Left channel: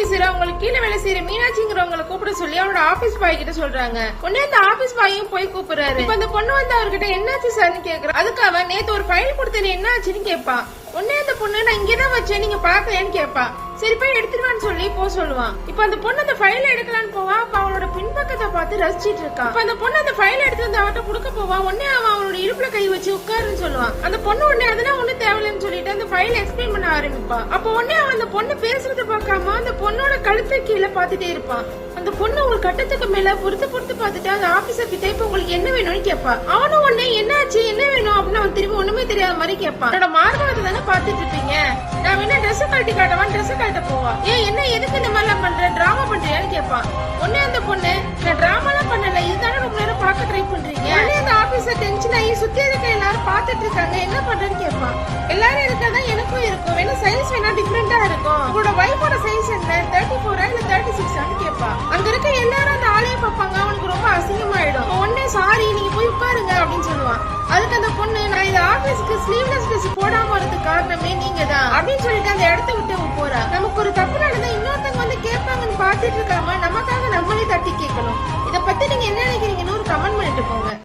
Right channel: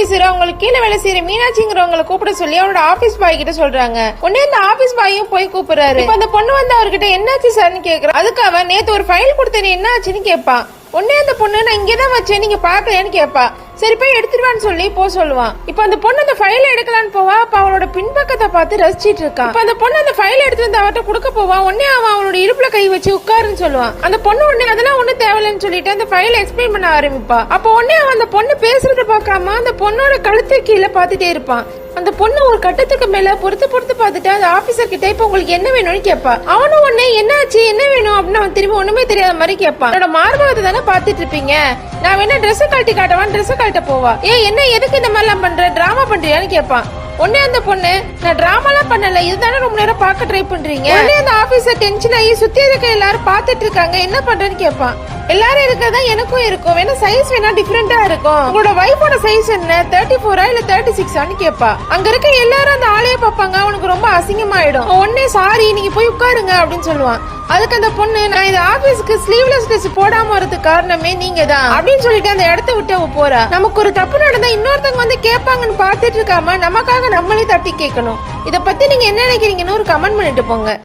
Officer அவங்களுக்கு கீழே வேலை செய்யற மீனாட்சிங்கிறவங்களை கூப்பிட சொல்லி அவரோட ஆபீஸ் பாய் கிட்ட சொல்றாங்க. உடனே அந்த ஆபீஸ் பாயும் போய் கூப்பிடுறாரு. அந்த பொண்ணு வந்து அவர்கிட்ட என்னாச்சு சார்னு கேக்குறா. அதுக்கு அவன் நேத்து ஒரு ஃபைல் கொடுத்தேன் என்ன ஆச்சுன்னு கேட்பான். உடனே அந்த பொண்ணு நான் இங்கதான் வச்சேன் நீங்க பாக்கலையான்னு கேட்பா. சரி போய் எடுத்துருவான்னு சொல்லி சொல்லுவான். இப்ப அந்த பொண்ணு அந்த ஃபைல எடுக்கலான்னு போவா. அப்ப அவளோட பின்பக்கத்தை பார்த்து ரசிச்சிட்டு இருக்கான். அந்த பொண்ணு அந்த ஃபைல எடுத்து அந்த அவட்ட கொடுக்க போவா. உடனே அவன் அவனோட இடுப்புல கை வச்சு உட்காருன்னு சொல்லுவான். அந்த பொண்ணு உடனே அதெல்லாம் ஒண்ணு தேவையில்லைன்னு சொல்லிட்டு அந்த ஃபைல எக்ஸ்பிளைன் பண்ண ஆரம்பிப்பா. அப்ப உடனே அவன் அந்த பொண்ணு பேசுறத பார்க்காம அந்த பொண்ணோட கழுத்து கீழே பாத்துட்டே இருப்பான். அந்த பொண்ணு ஒரு கட்டத்துக்கு மேல பொறுத்து பார்த்துட்டு அந்த ஆபீசர் கிட்ட இப்ப உங்களுக்கு என்ன வேணும்னு கேட்பா. அவனும் உடனே என்னாச்சு என்ன வேணும் அப்படின்னு அவன் திரும்ப ஒண்ணுமே தெரியாத மாதிரி கேட்பான். என்னோட மார்பகத்தை தானே பாத்துட்டு இருப்பீங்க, நான் வேணா ட்ரெஸ் கழட்டி காட்டவான்னு ட்ரெஸ் கழட்ட போவா. என்ன எதுக்கு இந்த மாதிரி எல்லாம் பண்ற, டிராமா பண்றியான்னு கேட்பான். உடனே அந்த பொண்ணு நான் டிராமாலாம் பண்ணல, இதுதானே ரொம்ப நேரம் பார்க்க ட்ரை பண்றீங்க. உடனே அந்த ஆபீசர் டென்ஷன் ஆகி சுத்தி இருக்க எல்லாரும் பாத்துட்டு இருக்காங்க என்ன பண்றேன்னு கேட்பான். எல்லாரும் இருக்கிறதா எனக்கும் இருக்கும், வேணா சைஸ் வேணா டிஃபரெண்டா இருக்கும். உங்களோட வைஃபோட சைஸ் என்ன 34 இல்ல 36 கேட்பா. அங்க இருக்க எல்லாரும் அந்த ஆளைய பாப்பாங்க. அவனுக்கு ரொம்ப அசிங்கமாயிடும். உடனே சாரி நீங்க போய் உட்காருங்க அப்படின்னு சொல்லுவான். அதுக்கு அந்த பொண்ணு நான் இந்த ஆபீஸ்க்கு ஸ்லீவ்லெஸ் ட்ரெஸ் போடாம வரதுக்கு காரணமே நீங்க தான் அப்படின்னு சொல்லிட்டு அந்த இடத்த விட்டு அவ போறா. நமக்கு ஒரு தப்பு நடந்தா இன்னொருத்தவங்க வந்து கேட்பாங்கன்னு பாத்துட்டு இருக்காம நமக்காக நம்மளே தட்டி கேட்கணும். இத பத்தி நீங்க என்ன நினைக்கிறீங்கன்னு ஒரு கமெண்ட் பண்ணிட்டு போங்க.